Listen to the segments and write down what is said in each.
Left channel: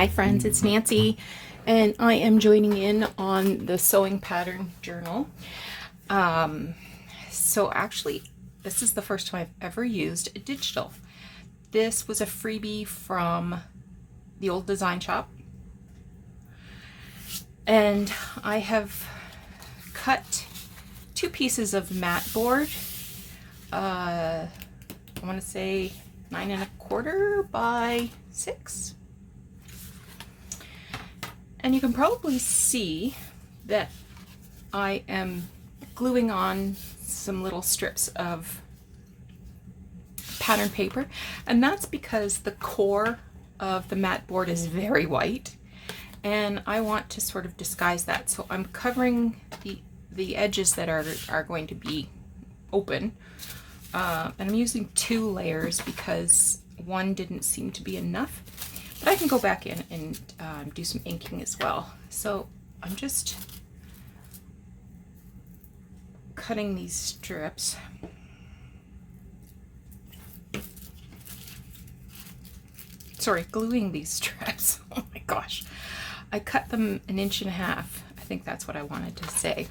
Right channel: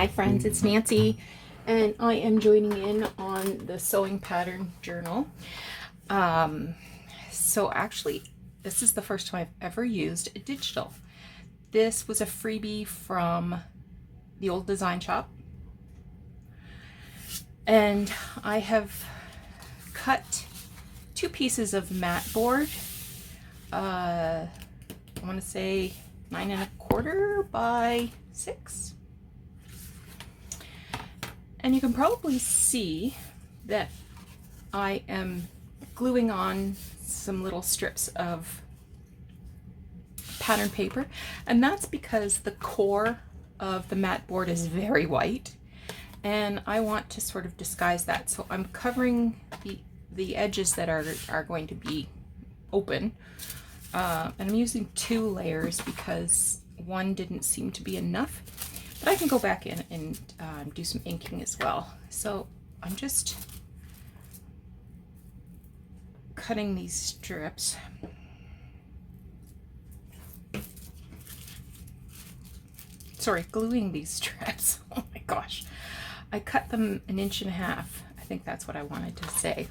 Hi friends, it's Nancy and I am joining in on the sewing pattern journal. So actually this is the first time I've ever used a digital. This was a freebie from the old design shop and I have cut two pieces of mat board. I want to say 9¼ by 6. And you can probably see that I am gluing on some little strips of pattern paper, and that's because the core of the mat board is very white and I want to sort of disguise that. So I'm covering the edges that are going to be open, and I'm using 2 layers because one didn't seem to be enough. But I can go back in and do some inking as well. So I'm just cutting these strips. Sorry, gluing these strips. Oh my gosh. I cut them 1.5 inches. I think that's what I wanted to say.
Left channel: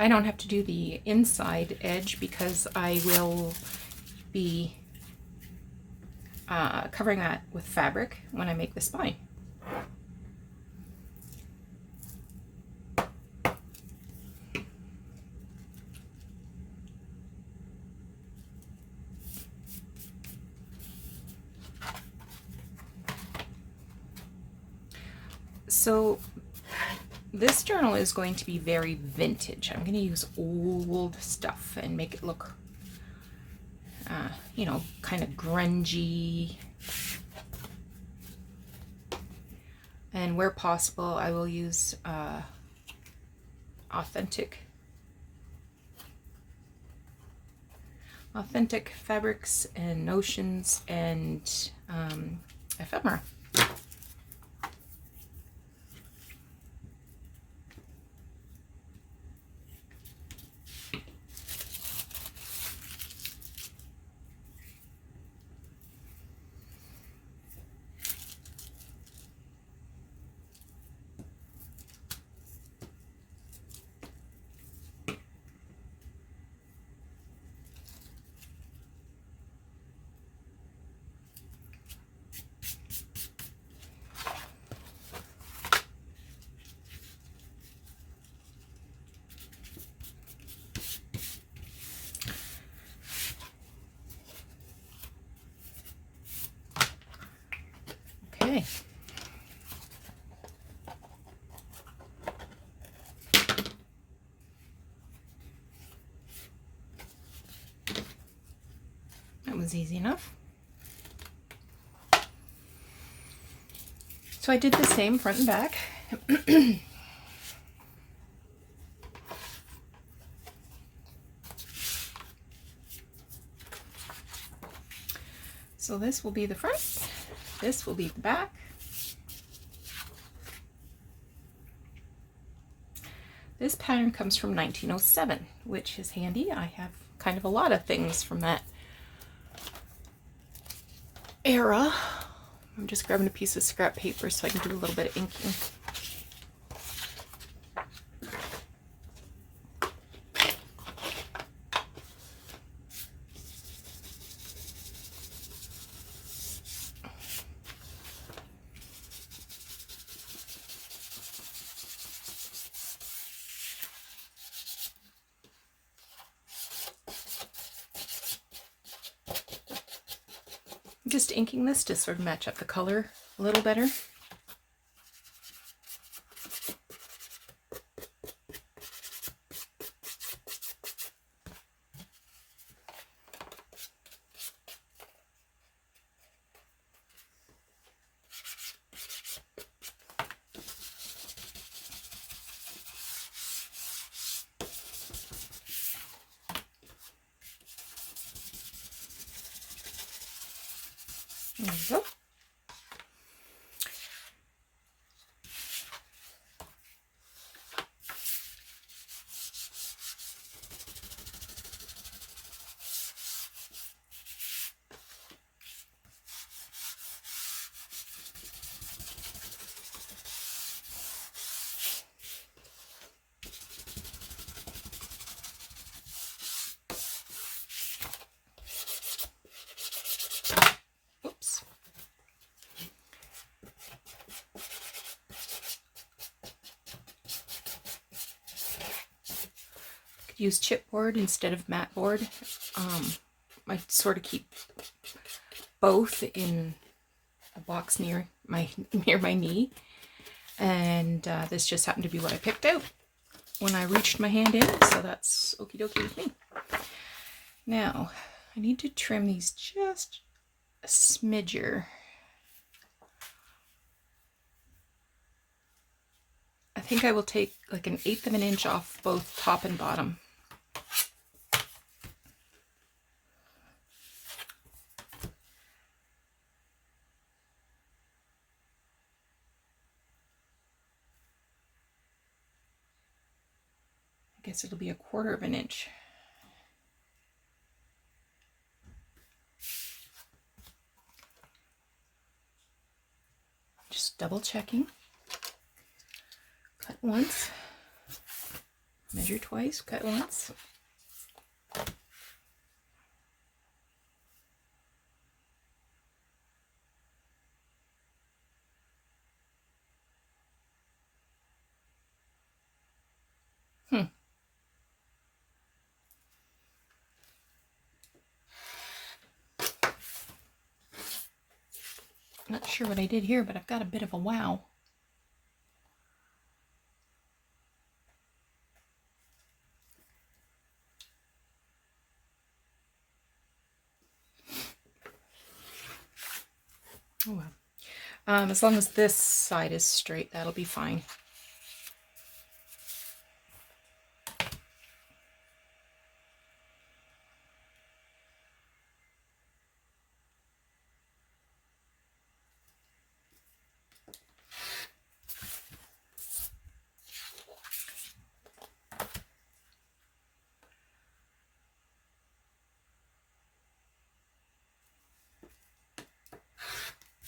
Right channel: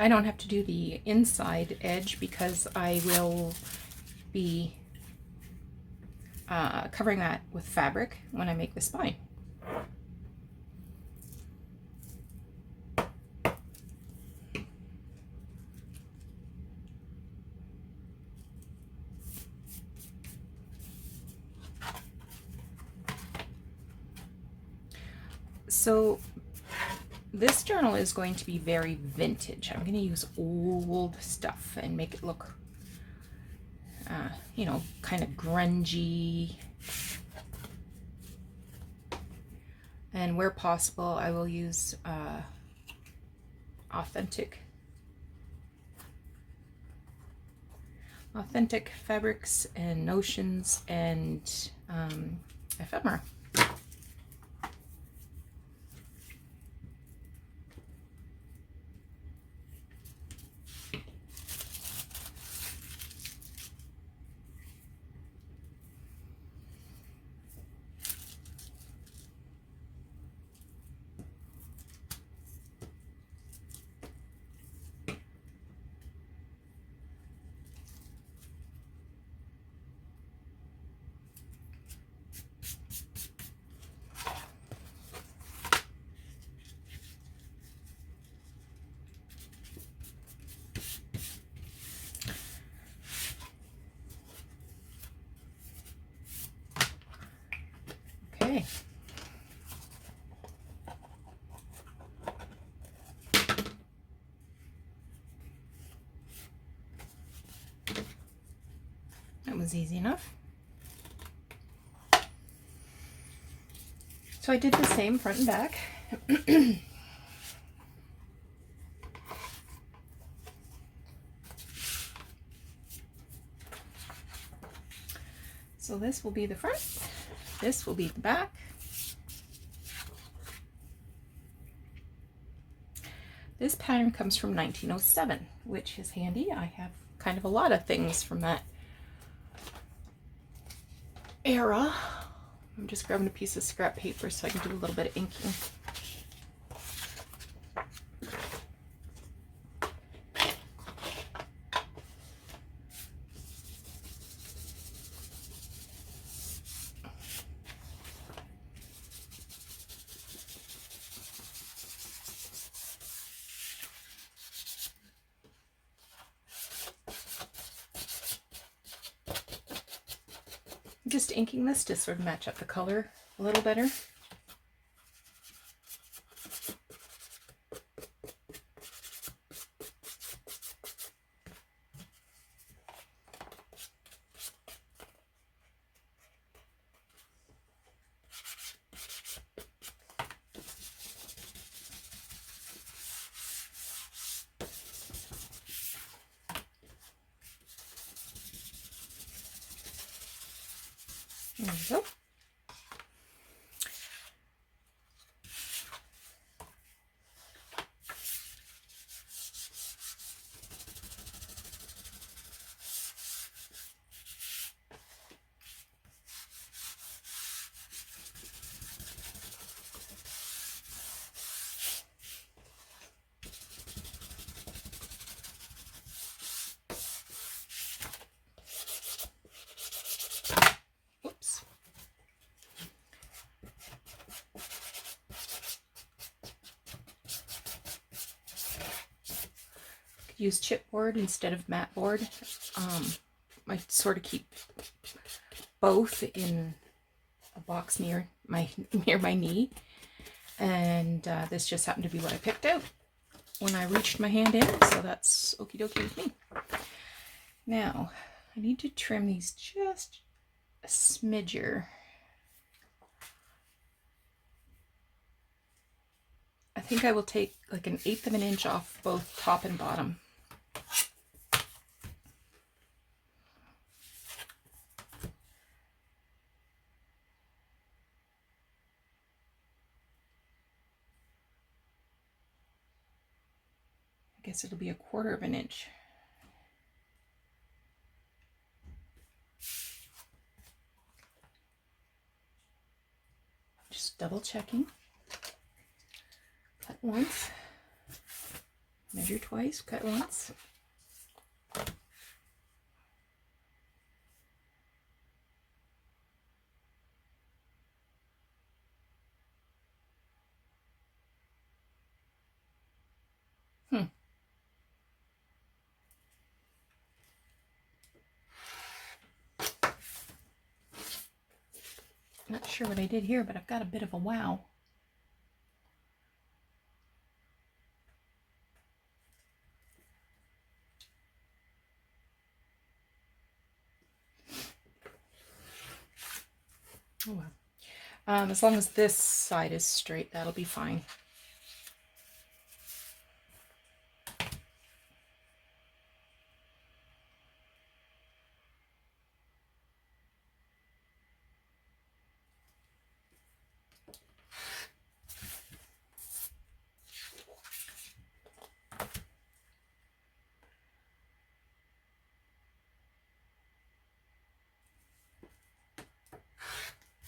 I don't have to do the inside edge because I will be covering that with fabric when I make the spine. So this journal is going to be very vintage. I'm going to use old stuff and make it look, you know, kind of grungy. And where possible, I will use authentic fabrics and notions and ephemera. Okay. That was easy enough. So I did the same front and back. So this will be the front, this will be the back. This pattern comes from 1907, which is handy. I have kind of a lot of things from that era. I'm just grabbing a piece of scrap paper so I can do a little bit of inking. Just inking this to sort of match up the color a little better. There we go. Oops. Could use chipboard instead of mat board. I sort of keep both in a box near my knee, and this just happened to be what I picked out when I reached my hand in, so that's okie dokie with me. Now I need to trim these just a smidger. I think I will take like 1/8 of an inch off both top and bottom. I guess it'll be 1/4 of an inch. Just double checking. Cut once, measure twice, cut once. Not sure what I did here, but I've got a bit of a wow. Oh well. As long as this side is straight, that'll be fine.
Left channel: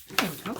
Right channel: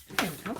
There we go.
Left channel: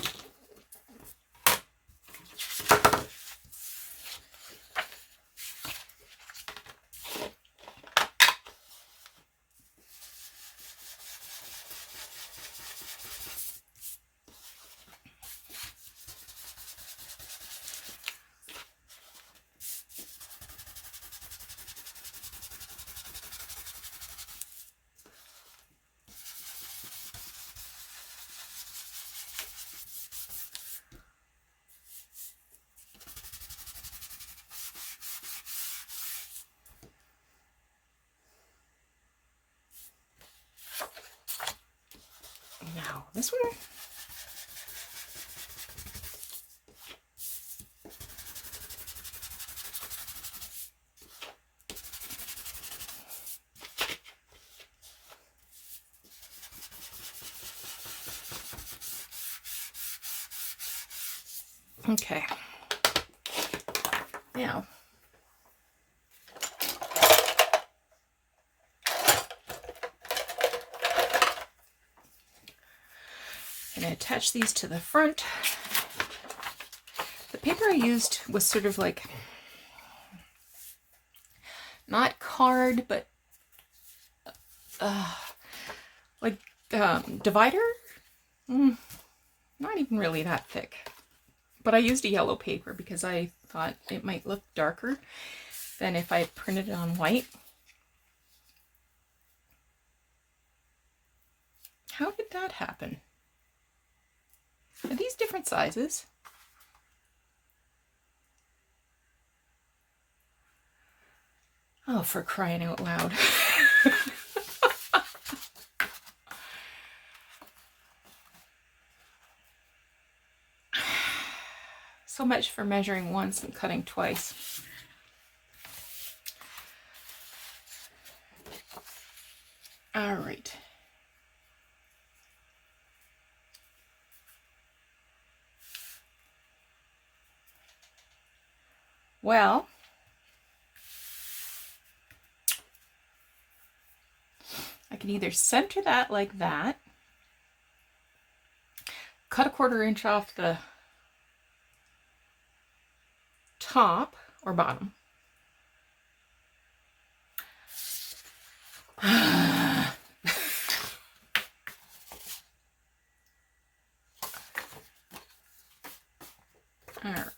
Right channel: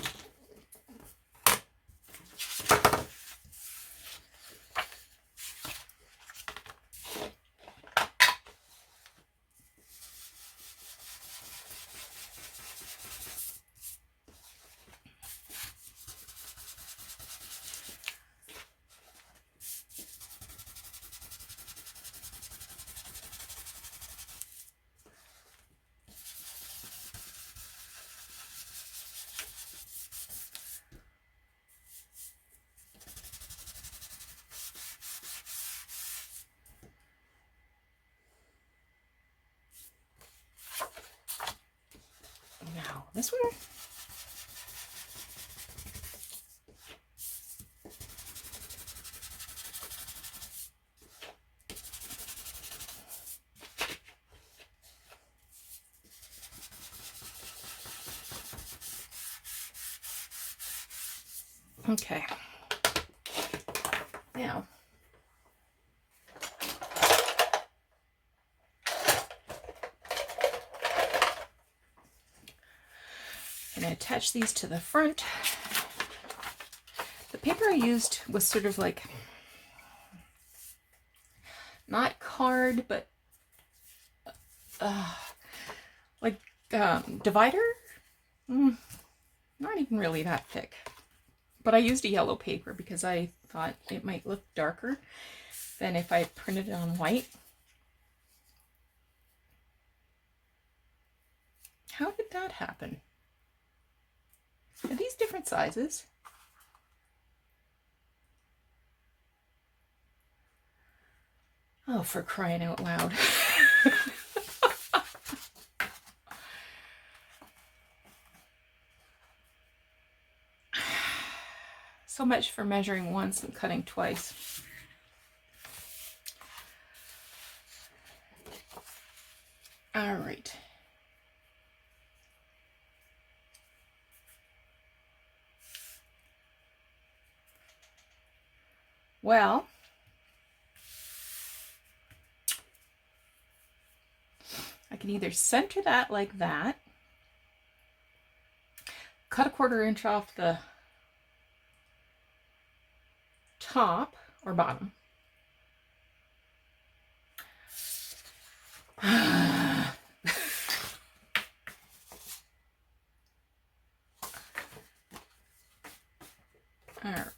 Now this one. Okay. Now, I'm going to attach these to the front. The paper I used was sort of like, not card, but like divider? Not even really that thick. But I used a yellow paper because I thought it might look darker than if I printed it on white. How did that happen? Are these different sizes? Oh, for crying out loud. So much for measuring once and cutting twice. All right. Well, I can either center that like that, cut a 1/4 inch off the top or bottom. All right.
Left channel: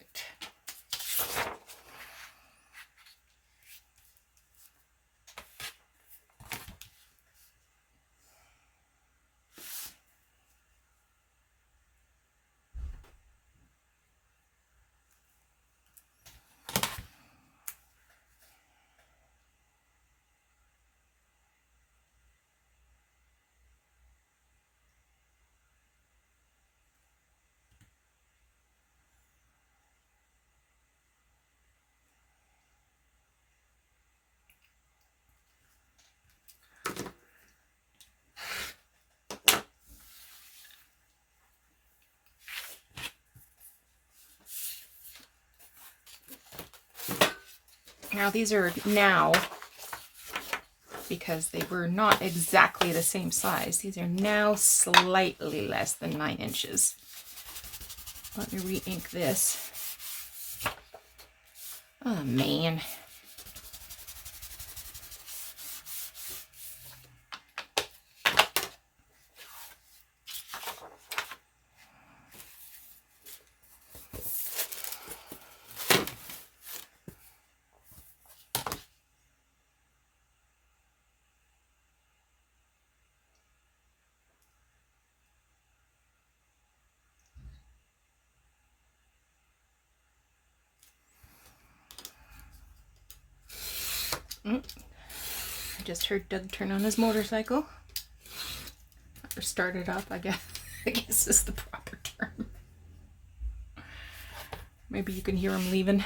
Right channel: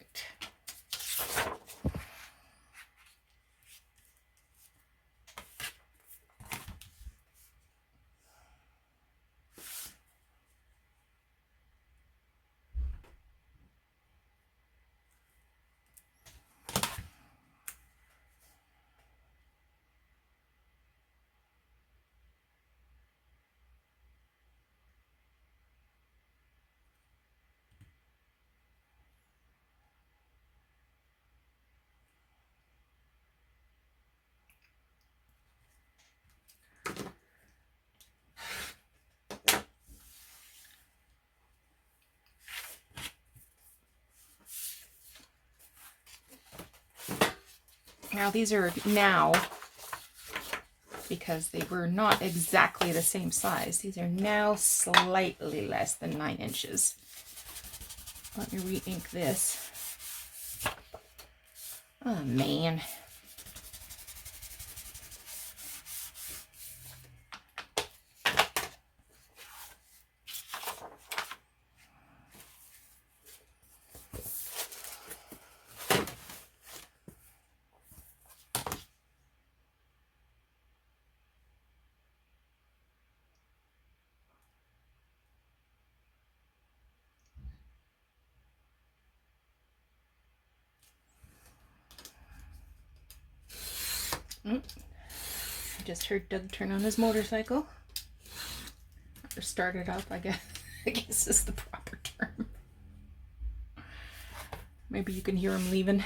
Now these are now, because they were not exactly the same size, these are now slightly less than 9 inches. Let me re-ink this. Oh man. I just heard Doug turn on his motorcycle. Or start it up, I guess. I guess is the proper term. Maybe you can hear him leaving.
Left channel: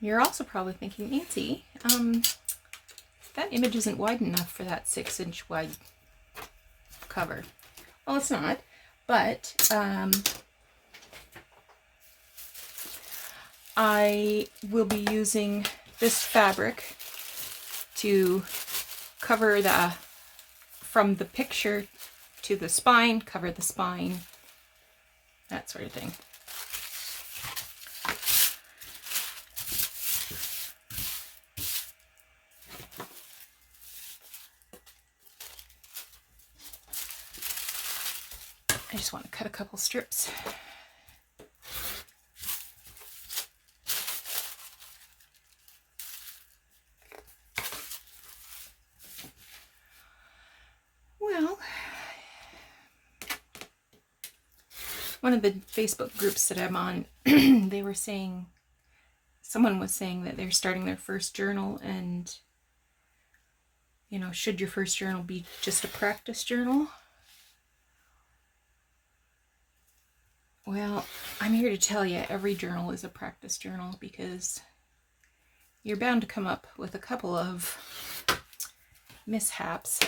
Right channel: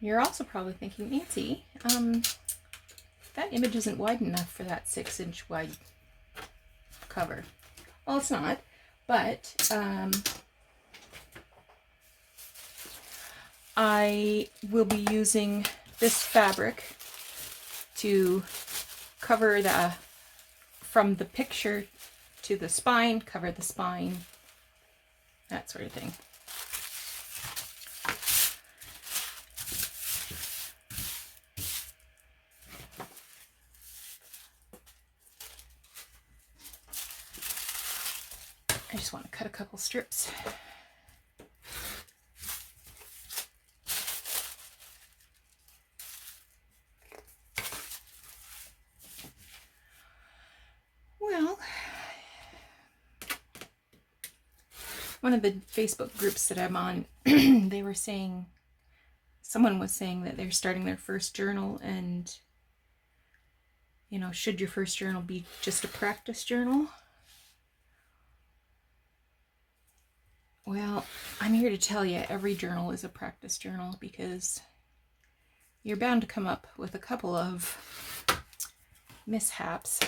You're also probably thinking, Nancy, that image isn't wide enough for that 6-inch wide cover. Well, it's not, but I will be using this fabric to cover from the picture to the spine, cover the spine, that sort of thing. I just want to cut a couple strips. Well, one of the Facebook groups that I'm on, they were saying, someone was saying that they're starting their first journal, and, you know, should your first journal be just a practice journal? Well, I'm here to tell you every journal is a practice journal, because you're bound to come up with a couple of mishaps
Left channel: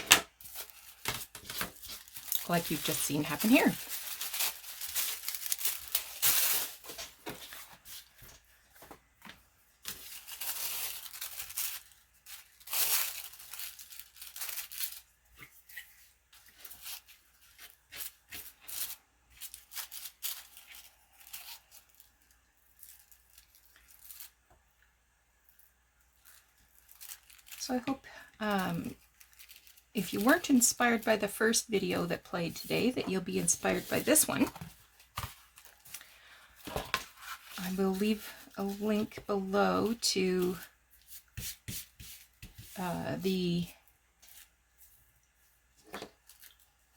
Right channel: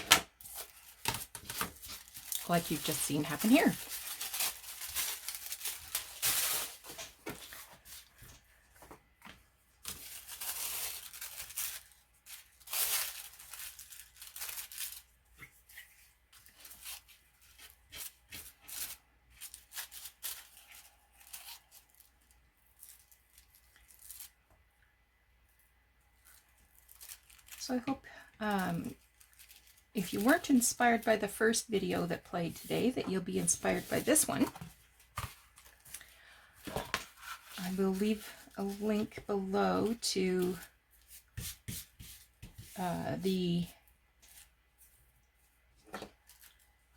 like you've just seen happen here. So I hope if you weren't inspired by the first video that played today, that you'll be inspired by this one. I will leave a link below to the,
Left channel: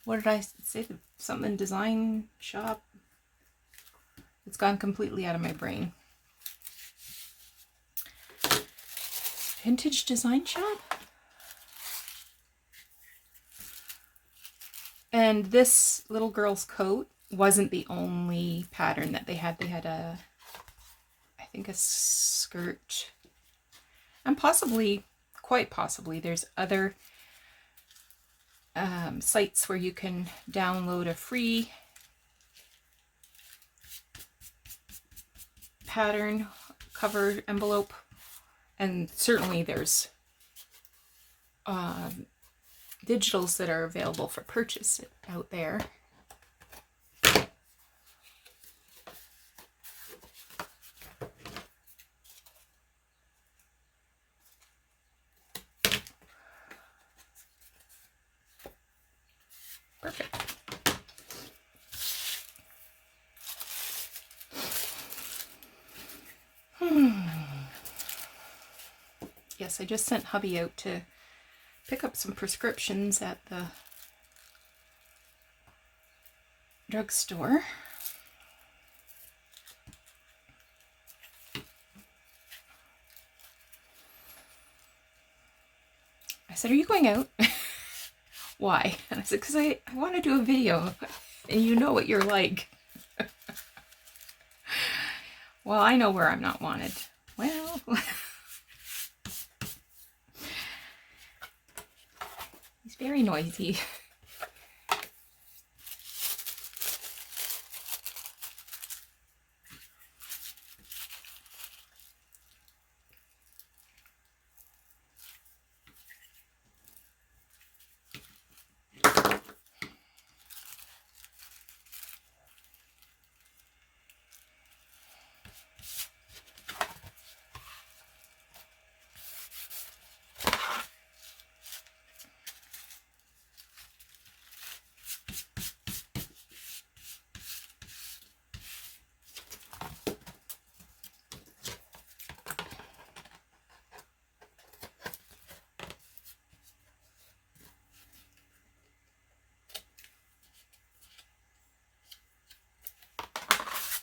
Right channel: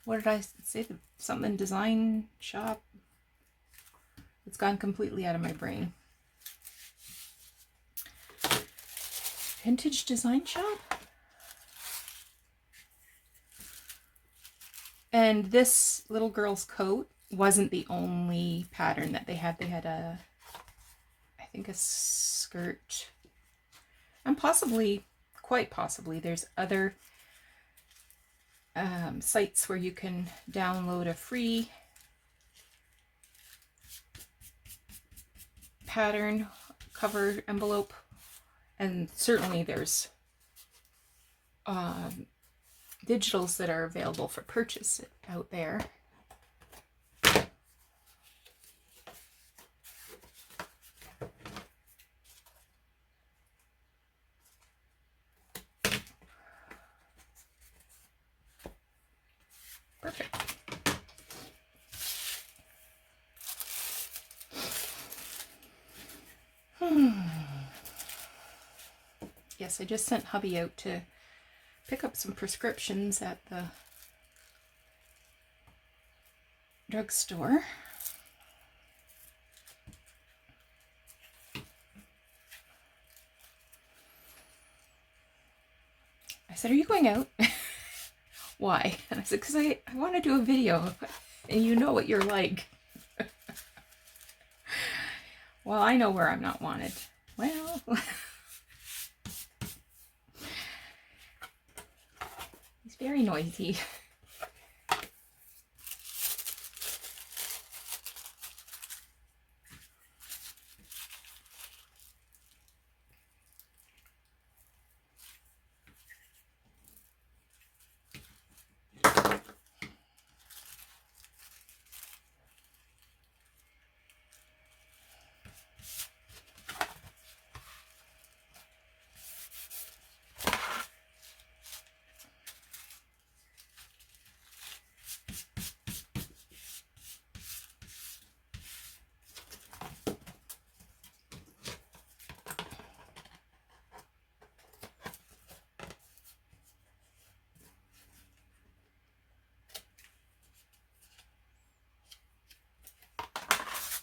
what did I say, something design shop? It's gone completely out of my brain. Vintage design shop? And this little girl's coat wasn't the only pattern that they had. They had I think a skirt, and possibly, quite possibly, there's other sites where you can download a free pattern cover envelope, and certainly there's digitals that are available for purchase out there. Perfect. Yes, I just sent hubby out to pick up some prescriptions at the drugstore. I said, "Are you going out?" "Why?" And I said, "Because I want to do a video, and you know what you're like." "Well, I know where I'm not wanted." Well, he's very noisy.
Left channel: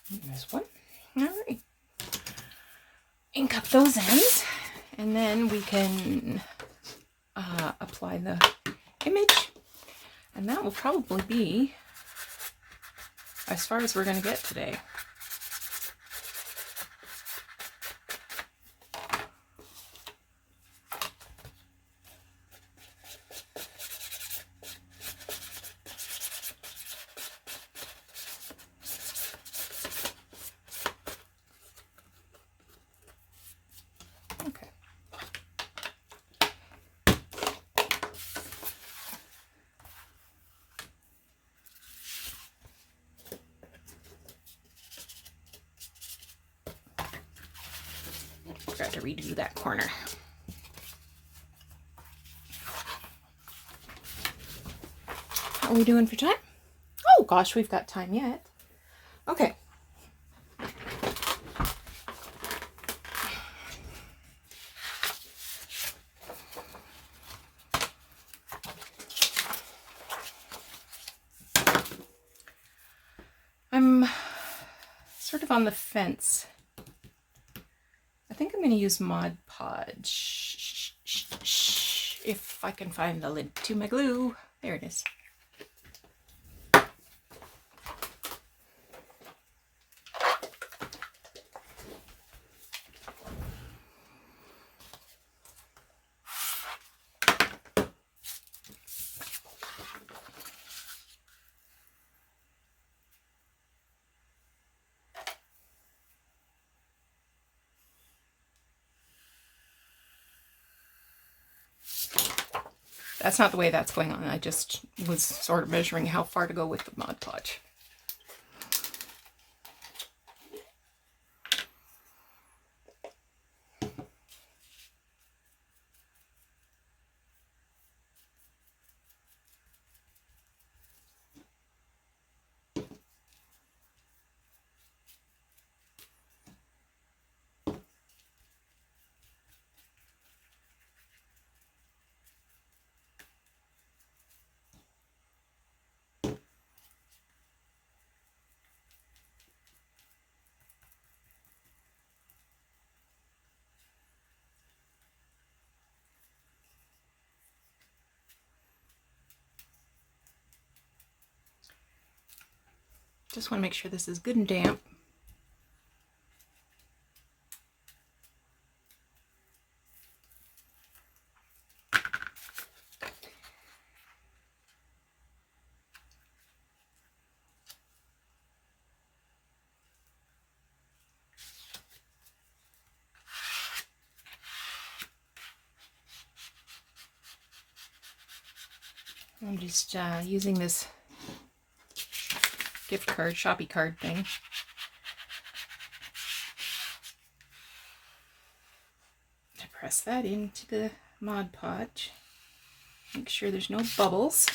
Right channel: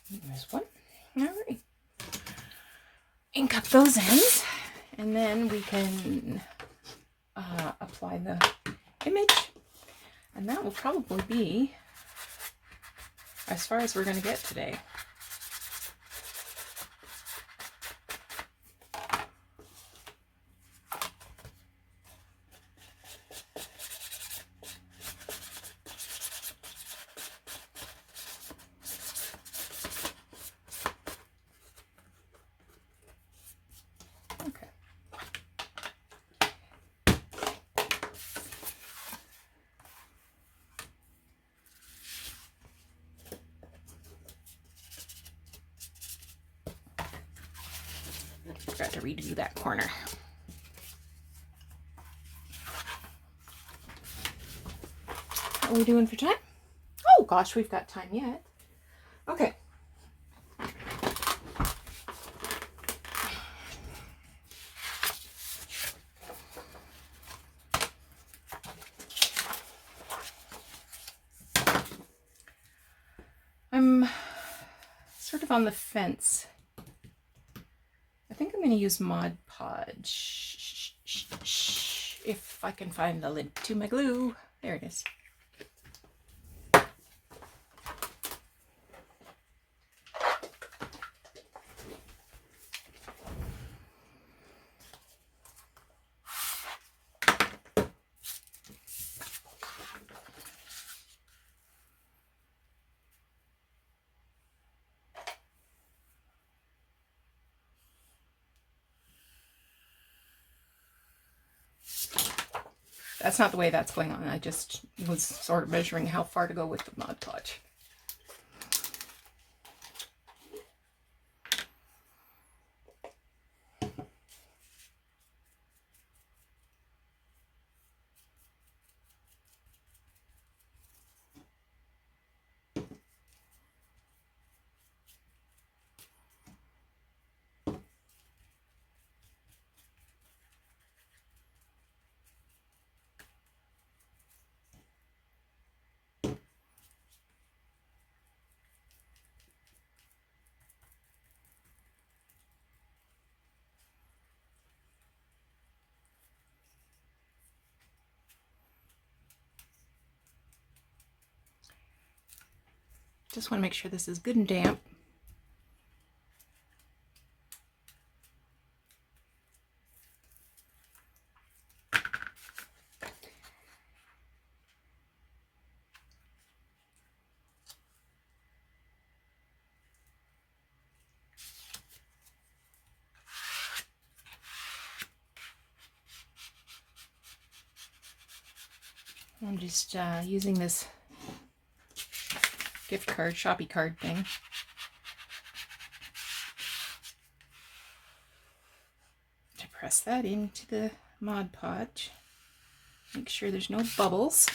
There's one. All right. Ink up those ends, and then we can apply the image, and that will probably be as far as we're going to get today. Forgot to redo that corner. What are we doing for time? Oh gosh, we've got time yet. Okay. I'm sort of on the fence. I think I'm going to use Mod Podge if I can find the lid to my glue. There it is. That's not the way that's going on. I just was sort of measuring how far to go with the Mod Podge. Just want to make sure this is good and damp. I'm just using this gift card, Shopee card thing. To press that into the Mod Podge. Make sure there's no bubbles.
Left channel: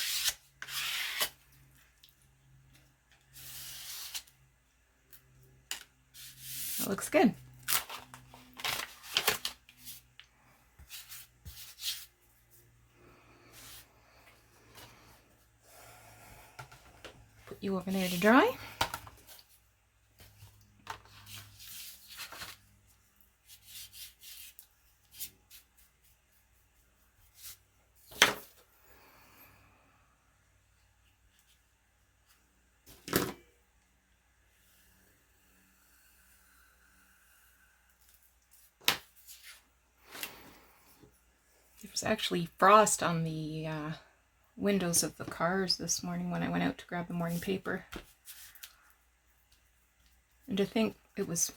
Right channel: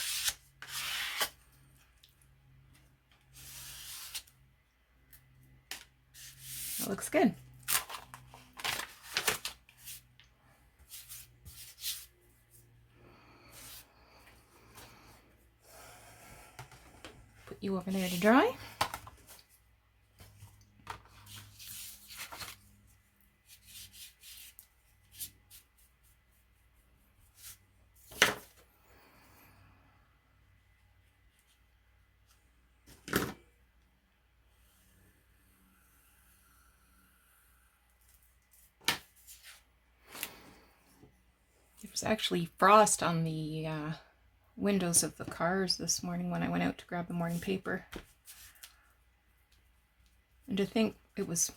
That looks good. Put you over there to dry. There was actually frost on the windows of the cars this morning when I went out to grab the morning paper. And to think it was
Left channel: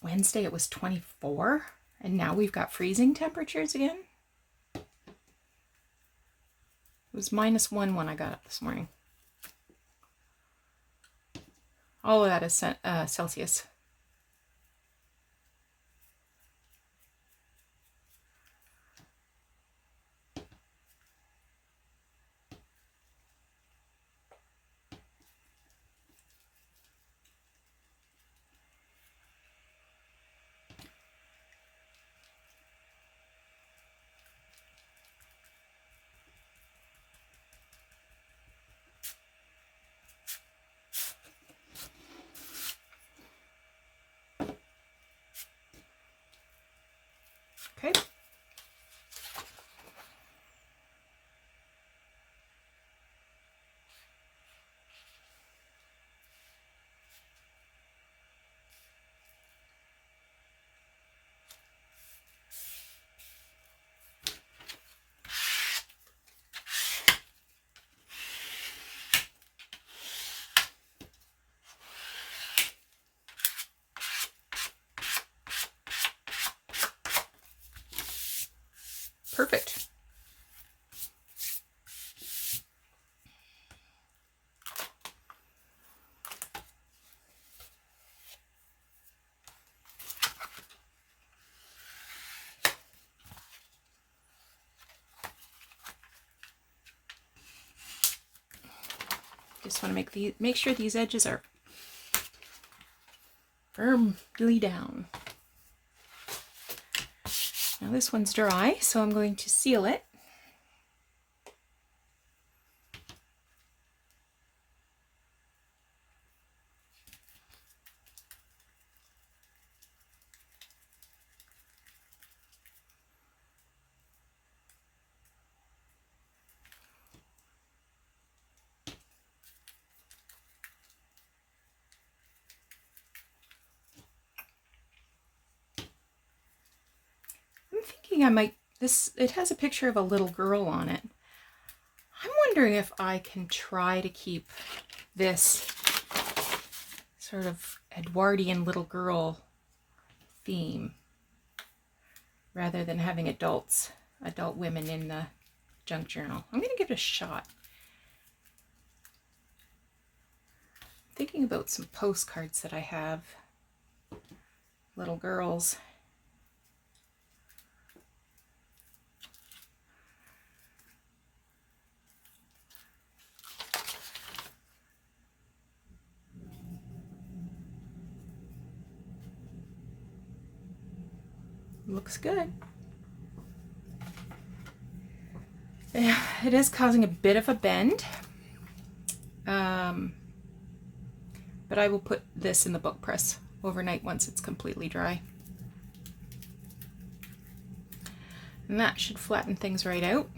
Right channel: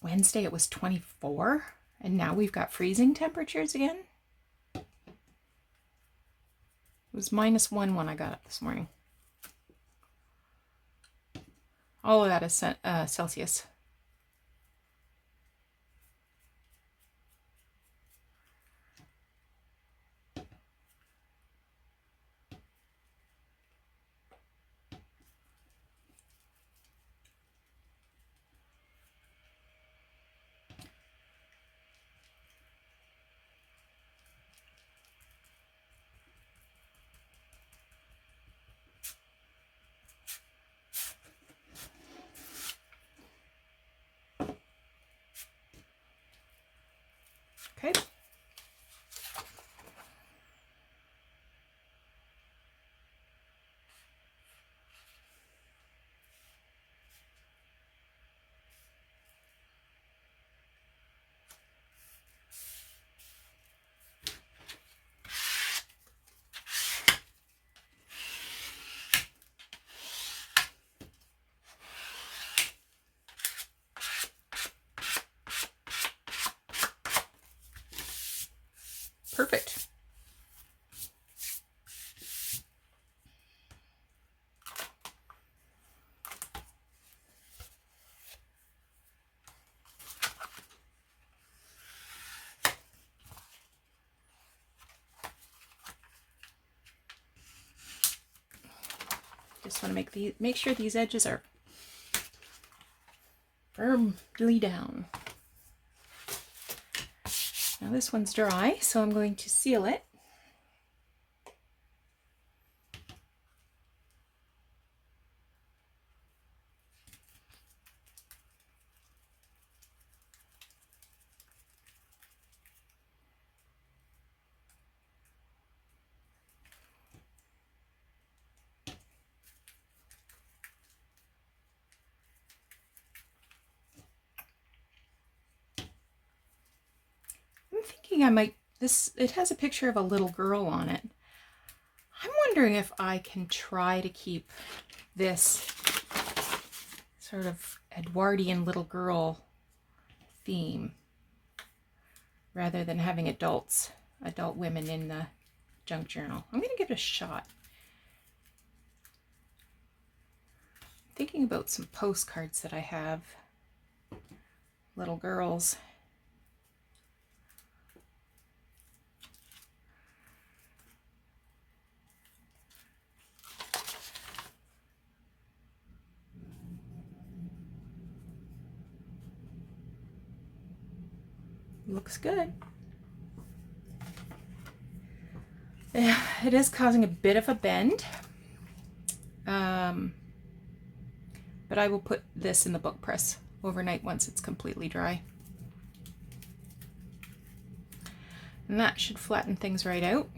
Wednesday, it was 24, and now we've got freezing temperatures again. It was -1 when I got up this morning. All of that is Celsius. Okay. Perfect. Just want to make sure these edges are firmly down. Now this one's dry, so I'm going to seal it. I might, it has a picture of a little girl on it. I'm wondering if I can try to keep this sort of Edwardian little girl theme rather than having adult women in the junk journal. I'm going to give it a shot. I'm thinking about some postcards that I have, little girls. Looks good. Yeah, it is causing a bit of a bend. But I will put this in the book press overnight once it's completely dry. And that should flatten things right out.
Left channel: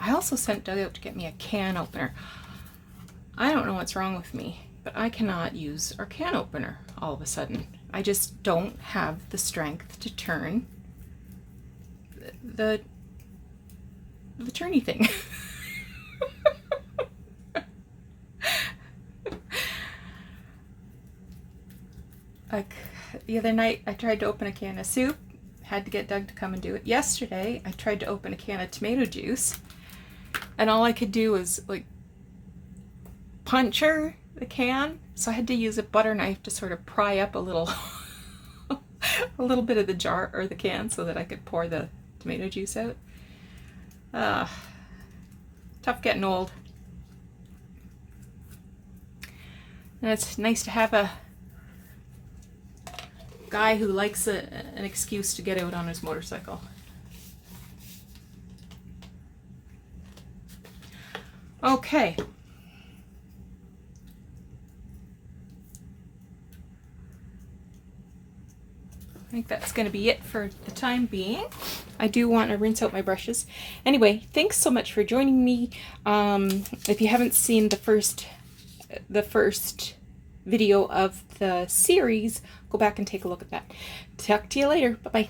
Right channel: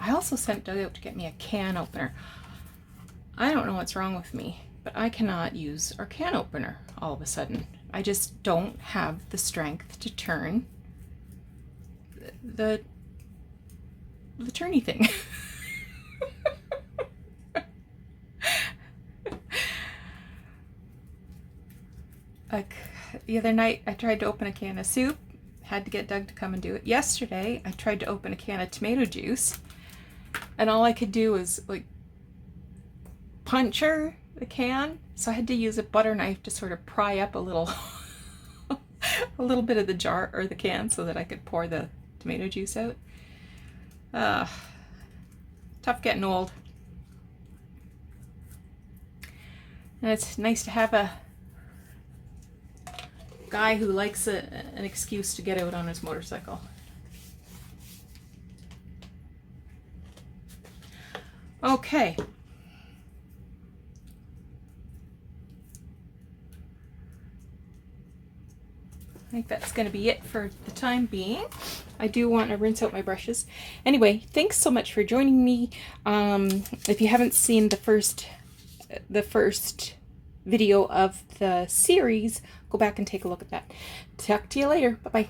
I also sent Doug out to get me a can opener. I don't know what's wrong with me, but I cannot use our can opener all of a sudden. I just don't have the strength to turn the turny thing. Like the other night, I tried to open a can of soup, had to get Doug to come and do it. Yesterday, I tried to open a can of tomato juice, and all I could do was like puncture the can, so I had to use a butter knife to sort of pry up a little a little bit of the jar or the can so that I could pour the tomato juice out. Tough getting old. And it's nice to have a guy who likes an excuse to get out on his motorcycle. Okay. I think that's going to be it for the time being. I do want to rinse out my brushes. Anyway, thanks so much for joining me. If you haven't seen the first video of the series, go back and take a look at that. Talk to you later. Bye-bye.